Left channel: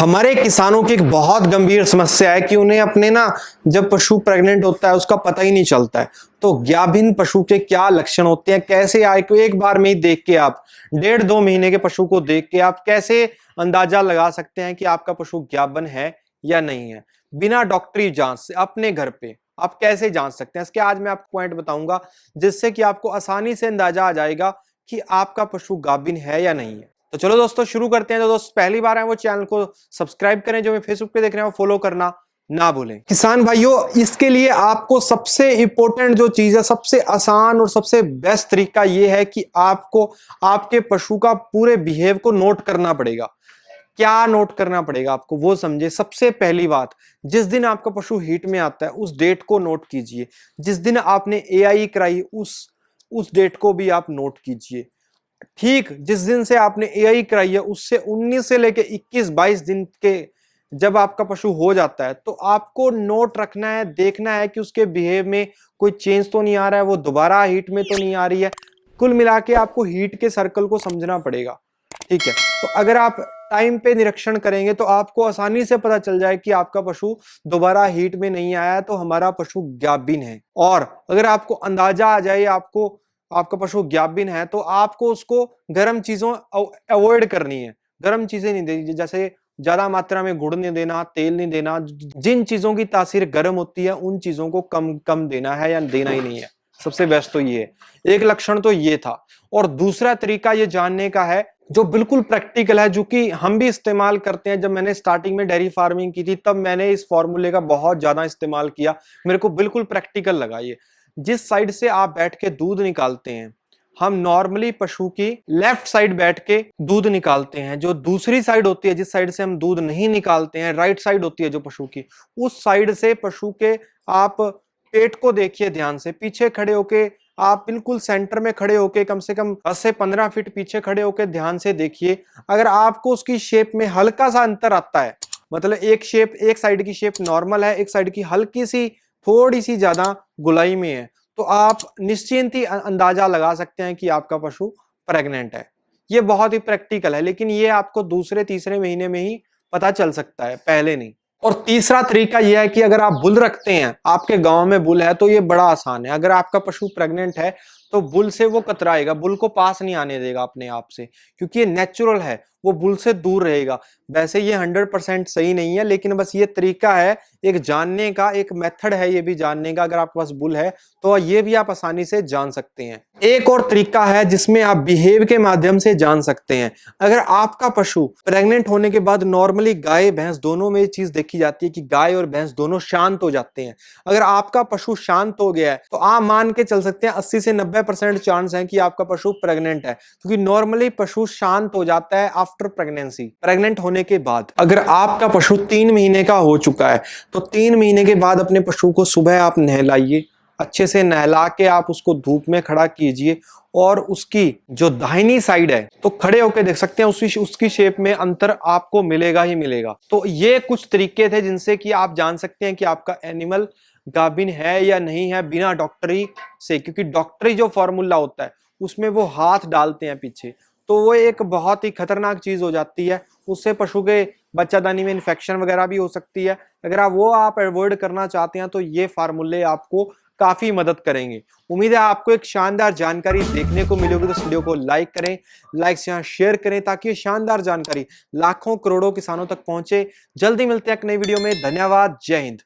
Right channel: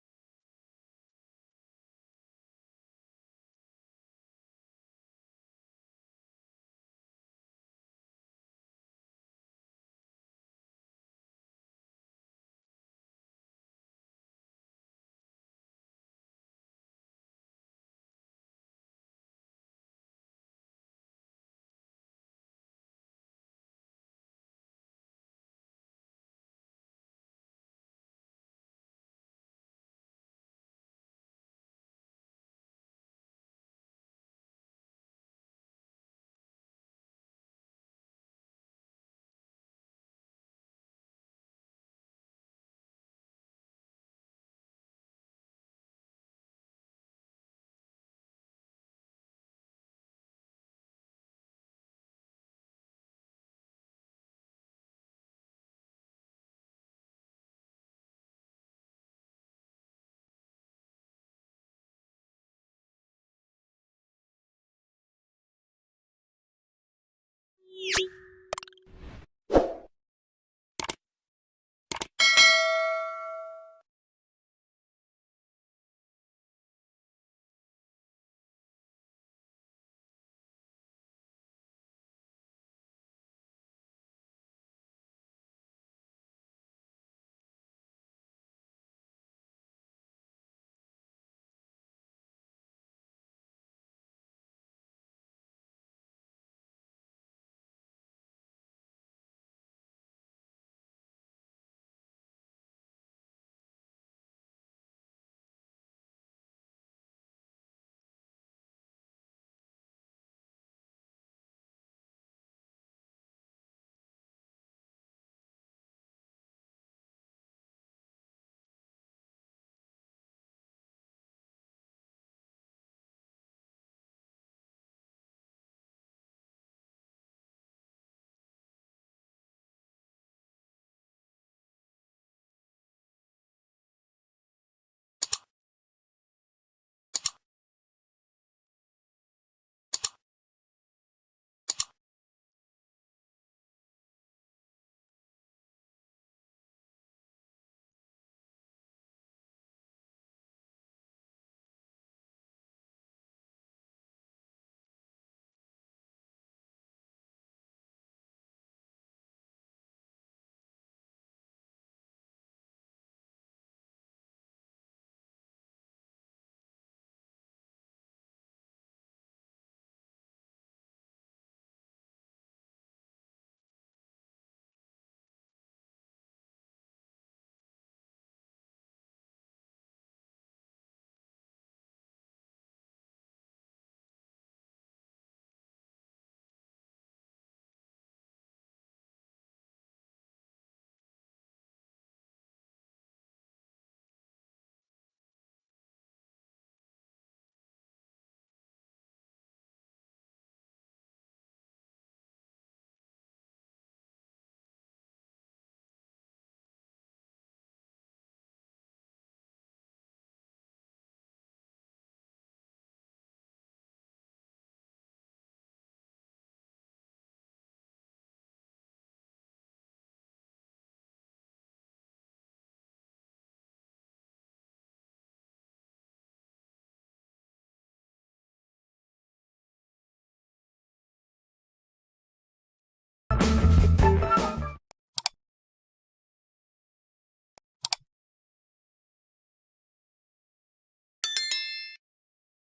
हमारे किसानों की एक बहुत गंभीर समस्या है कि उन्हें अपने ना जब पशु प्रेग्नेंट होता है उसका पता ही नहीं चलता है। तो गाभिन पशु के क्या लक्षण होते हैं, कैसे आए को एक बार में ही देख के आप 1.5-2 महीने के पशु को देख के आप कैसे अंदाजा लगा सकते हैं कि आपका पशु गाभिन है या नहीं है, बिना डॉक्टरी जांच से अपने घर पे आप कैसे जांच सकते हैं। इसके आज मैं आपको पॉइंट बताऊंगा जिससे कि आपको आसानी से अंदाजा आ जाएगा कि आपका पशु गाभिन है या नहीं है। तो चलो दोस्तों शुरू करते हैं। जो दोस्त पहली बार आए वो चैनल को सब्सक्राइब करें, जो मैं फेसबुक पे देख रहे हैं वो फॉलो करना ना भूलें। किसान भाइयों, इसके लिए आपको सबसे इंपॉर्टेंट जो चीज है, सबसे आसान और सबसे बेस्ट तरीका ये है कि आपको आपके पशु का पूरे बिहेव को नोट करना पड़ेगा। क्या नोट करना पड़ेगा आपको वो समझे। सबसे पहली बात, जिस दिन आपका पशु हीट में आता है उस डेट को नोट कीजिए। जिस दिन आपने एआई कराई उस डेट को भी आप नोट कीजिए। ठीक जिस दिन से आपने एआई कराई है उससे 19 से लेके 21-22 दिन के जब आपका पशु हो जाता है तो आपको नोट रखना है, देखना है कि उसके बिहेव में कोई चेंज तो नहीं आ रहा है, वो दोबारा हीट में तो नहीं आ रही है। कुल मिला के आपको हीट के सर्कल को समझना पड़ेगा। ठीक है, तो अगर आप टाइम पे निरीक्षण करेंगे तो आपको आसानी से पता चल जाए कि आपका पशु दोबारा हीट में नहीं आया है, तो हमारा पशु गाभिन है। और अगर आपको अंदाजा आ जाए आपको आपका पशु गाभिन है तो आपको उसको गर्म चीजों अवॉइड करनी है। गर्म चीजें नहीं देनी, जैसे ज्यादा मात्रा में गुड़ नहीं देना, तेल नहीं देना। जिन चीजों की तासीर गर्म होती है उन चीजों को कम कम देना है या देना ही नहीं है। सबसे बेस्ट तो ये है। एक लक्षण तो ये था। और दूसरा तरीका ये जानने का है जो बिल्कुल प्रैक्टिकल है, जो कि हम भी इस्तेमाल करते हैं। जब मैंने स्टार्टिंग में डेयरी फार्मिंग की थी तब मैंने इस फॉर्मूले का बहुत ज्यादा इस्तेमाल किया। मेरे को बिल्कुल प्रैक्टिकल लगा ये। जिस साइड से आप बैठ के दूध निकालते हैं, हम नॉर्मली पशु की लेफ्ट साइड बैठ के दूध निकालते हैं। जो दूसरी साइड होती है, जिस साइड से हम दूध नहीं निकालते हैं, राइट साइड होती है जो पशु की, उस साइड से पशु के आप पेट को देखिए ध्यान से। पीछे खड़े होके आप बिल्कुल सेंटर में खड़े होके कम से कम 10 से 15 फीट पीछे खड़े होके ध्यान से देखिए। अगर आपको उसकी शेप में हल्का सा अंतर आता है, मतलब एक साइड की शेप नॉर्मल है, एक साइड की हल्की सी थोड़ी सी ज्यादा गुलाई में है, तो आप निश्चिंत ही अंदाजा लगा सकते हैं कि आपका पशु प्रेग्नेंट है। ये बहुत ही प्रैक्टिकल है, लेकिन ये आपको दूसरे तीसरे महीने में ही पता चल सकता है, पहले नहीं। और तीसरा तरीका यह है कि अगर आप बुल रखते हैं, आपके गांव में बुल है, तो ये बड़ा आसान है। अगर आपका पशु प्रेग्नेंट है तो बुल से वो कतराएगा, बुल को पास नहीं आने देगा अपने आप से, क्योंकि ये नेचुरल है, वो बुल से दूर रहेगा। वैसे ये 100% सही नहीं है, लेकिन बस ये तरीका है एक जानने का, एक मेथड है ये भी जानने का। अगर आपके पास बुल है तो ये भी आप आसानी से जान सकते हैं। एक और तरीका है जिसमें आप बिहेव के माध्यम से जान सकते हैं। अगर आपका पशु प्रेग्नेंट होने के बाद नॉर्मली गाय भैंस दोनों में ये चीज देखी जाती है कि गाय और भैंस दोनों शांत हो जाते हैं। अगर आपका पशु शांत हो गया है तो आप मान के चल सकते हैं 80 से 90% चांस है कि आपका पशु प्रेग्नेंट है, क्योंकि नॉर्मली पशु शांत हो जाता है आफ्टर प्रेगनेंसी, प्रेग्नेंट होने के बाद। अगर आपका पशु 3 महीने का हो चुका है तो 3 महीने के बाद अपने पशु को सुबह आप नहलाइए, अच्छे से नहला के आप उसको धूप में खड़ा कीजिए, और उसकी जो दाहिनी साइड है तो खड़े होकर देख सकते हैं उसकी शेप में अंतर आपको मिलेगा ही मिलेगा। तो ये कुछ तरीके थे जिनसे कि आप जान सकते हैं कि आपका एनिमल गाभिन है या नहीं है, बिना डॉक्टरी से। क्योंकि डॉक्टरी जो फॉर्मूला होता है उसमें वो हाथ डालते हैं पीछे, तो वो एक बहुत ही खतरनाक चीज हो जाती है। उससे पशु के बच्चादानी में इन्फेक्शन वगैरह भी हो सकती है। अगर आप अवॉइड करना चाहते हैं तो ये फार्मूले आपको काफी मदद करेंगे। उम्मीद है आपको एक शानदार जानकारी देखने को मिलेगी। तो इस वीडियो को लाइक करें, लाइक से शेयर करें, ताकि ये शानदार जानकारी लाखों करोड़ों किसानों तक पहुंचे। जल्दी मिलते हैं एक नई वीडियो में। धन्यवाद। जय हिंद।